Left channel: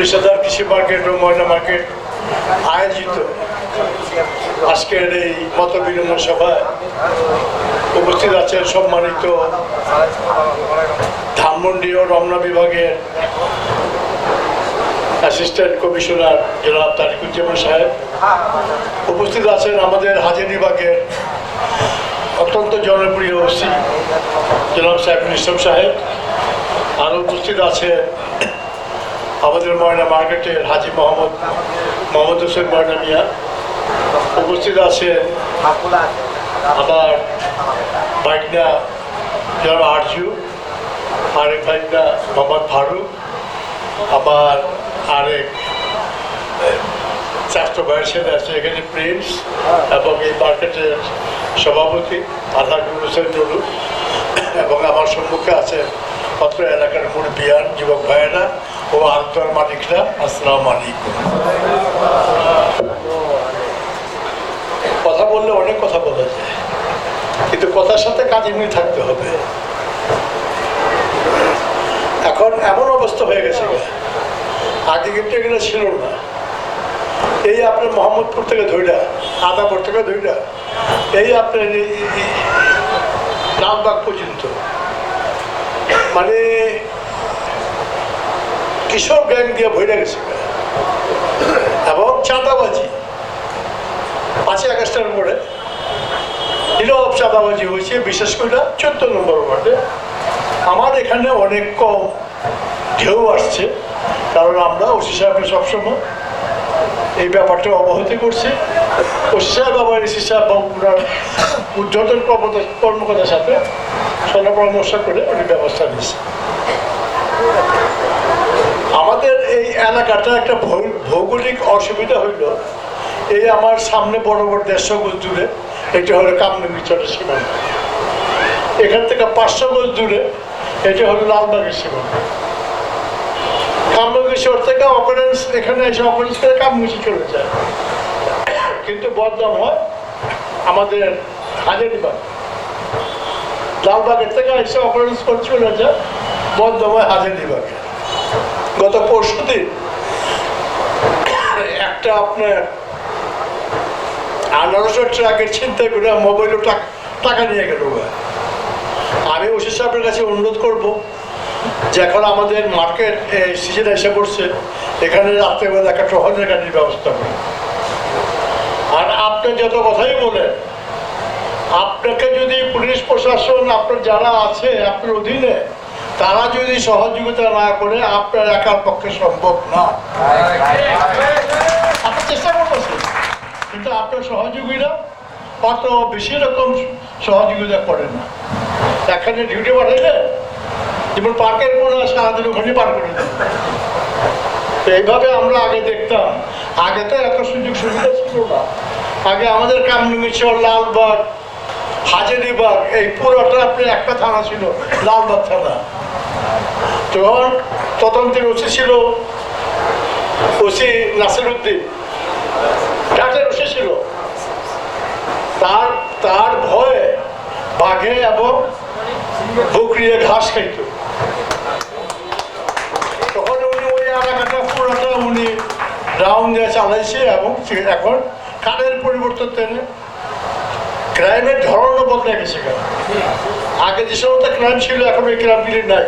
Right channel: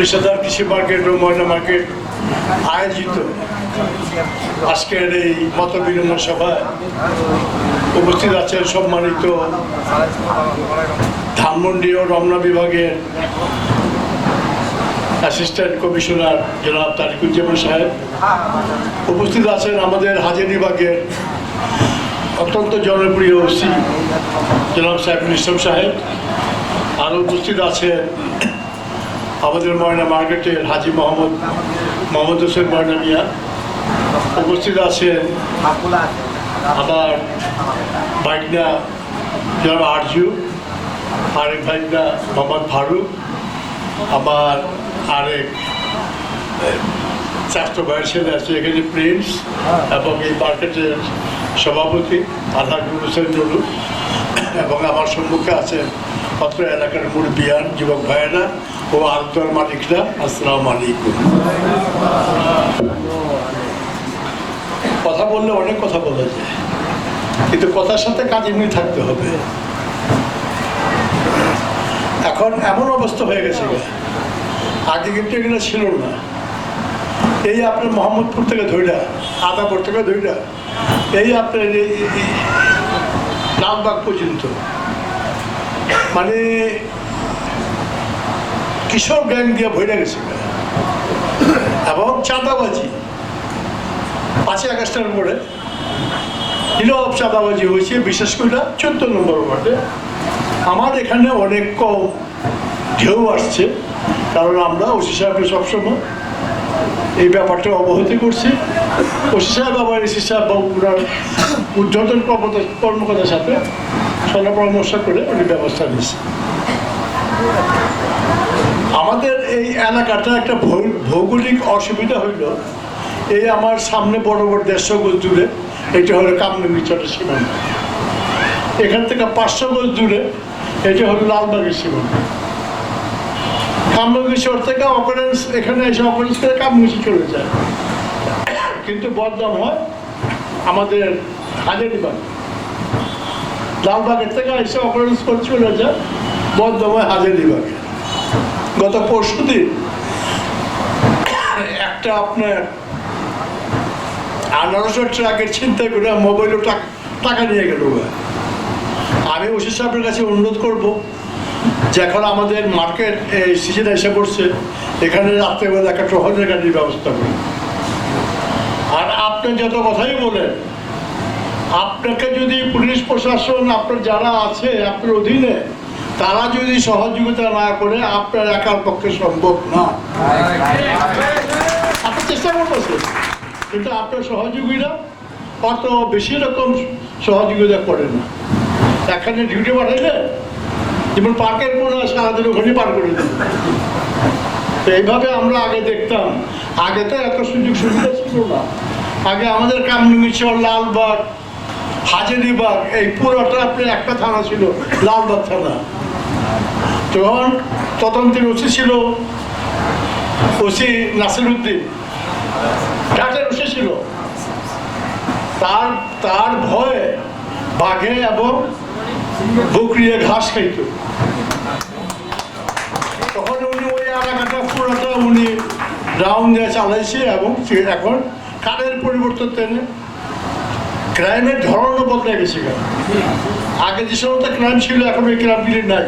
হাজার কৃষি মার্কেট ও ময়না মার্কেট আয়োজিত আজকের এই মত বিনিময় সভায় উপস্থিত আছেন সম্মানিত ধানমন্ডি ও রমনা বিভাগের অ্যাসিস্ট্যান্ট কমিশনার জনাব তারিকুজ্জামান সাহেব। উপস্থিত আছেন আমাদের হাজির বিভাগের অত্যন্ত জনপ্রিয় ওসি জনাব সাইফুল ইসলাম সাহেব। আরও উপস্থিত আছেন আমাদের ময়না মার্কেটের হাজি মোহাম্মদ মোহাম্মদ হোসেন ময়না মিয়া উপস্থিত আছেন আমার বাইকনা জনাব আরজু, আরেক ভাইকনা মোহাম্মদ ফারুক আমার আরেক চারটো ছেলে আছে, এখানে প্রিন্স এবং এই মার্কেটের সভাপতি আলহাজুল হোসেন নুরু এবং আমার সম্মুখে আছেন অত্র এলাকার মুরব্বিয়ান যুবক ভাইয়েরা ও আলতার মালিকরা, আসসালামু আলাইকুম কথা বললে অনেক কথা বলা যায়, কিন্তু কথার সাথে কাজ এমনি থাকতে হবে এখন এমন অবস্থা হয়ে গেছে। আগে কিন্তু এগুলো ছিল না এই আপনার মোহাম্মদপুর থেকে ধৈরা আদাপুর থেকে ধৈরা এই আপনার লালবাগ পর্যন্ত। মানে কিশোর গ্যাং দিয়ে ভরে গেছে। এবং চাঁদাবাজি। পাঁচই আগস্টের পরে নীরব চাঁদাবাজি হয়েছে, বিশেষ করে চোদ্দ নম্বর ওয়ার্ডে। আমার এখানে অনেক কম ঢেউ আসছে, কারণ আমরা ওসি সাহেবকে সবসময় এই ব্যাপারটা অবহিত করছি। ওসি সাহেব আবার এসি বা ওনার কর্মকর্তা- কর্মকর্তার সাথে সলা পরামর্শ করে উনি ব্যবস্থা নিয়েছে। আমাদের এই এলাকাটা একটা ভৌগোলিক অসুবিধা হইল। এই আমার সামনে বড় বড় দেড়শো গোজ দূরে এটা হলো কামরঙ্গি চটের সীমান্ত এখান থেকে পাঁচশো গোজ দূরে এটা হলো লালবাগের সীমান্ত কামরঙ্গি চর থেকে অপারেন্স এখানে এসে অপারেন্স করে কামরঙ্গি চলে যায়। বদনাম হয় আমাদের হাজারিবাগ লালবাগের থেকে এসে অপারেন্স করে চলে যায় বদনাম হয় হাজারিবাগে গত পরশু দিন একটা আপনার আনারসের ট্রাকের চিন্তা করে মোবাইলও টাকা নিয়ে গেল। আমি ওসি সাহেবের কাছে অনুরোধ করব যে এখন আমাদের মার্কেট সিজন এসে পড়ছে, এখানে রাত্রেবেলা একটা টহলের গাড়ির ব্যবস্থা করি আপনি যত কথাই বলেন, আপনাকে যদি পুলিশ প্রশাসন, আপনার যারা আছে, আপনার অধীনে, তারা যদি সহযোগিতা না করে, আপনার একার পক্ষে সম্ভব না। আপনি চেষ্টা করতেছেন, কিন্তু আপনার সহযোগীরা অত বেশি রকম সহযোগিতা করে না। এখানে ডিউটি পাঠাইলে, যেমন পার্কের হয় সারাদিন ওখানে পার করে তো এইভাবে আমরা আগে দেখতাম। আগে তো এত সুযোগ সুবিধা ছিল না। আগে আমাদের কামরুঙ্গিচর লালবাগ হাজারিবাগ এই পুরোটা আপনার একটা থানা ছিল, লালবাগ থানা। তখন তদন্তের ওসি ছিল, ওসি নাসিরুদ্দিন। ঘাটের ওসি ছিল। তার তার ভয়ে বাঘে এবং বকরিয়ে ঘাস খাইত। তখন উনি ওই এলাকাটা পুরোটা উনি রাউন্ড দিয়ে চালাইছে এবং এখন কারের পরিবর্তন ক্রাইমের ধরনও বদলে গেছে আগে যে সমস্ত ক্রাইম ছিল এখন ওই ক্রাইমগুলি নাই।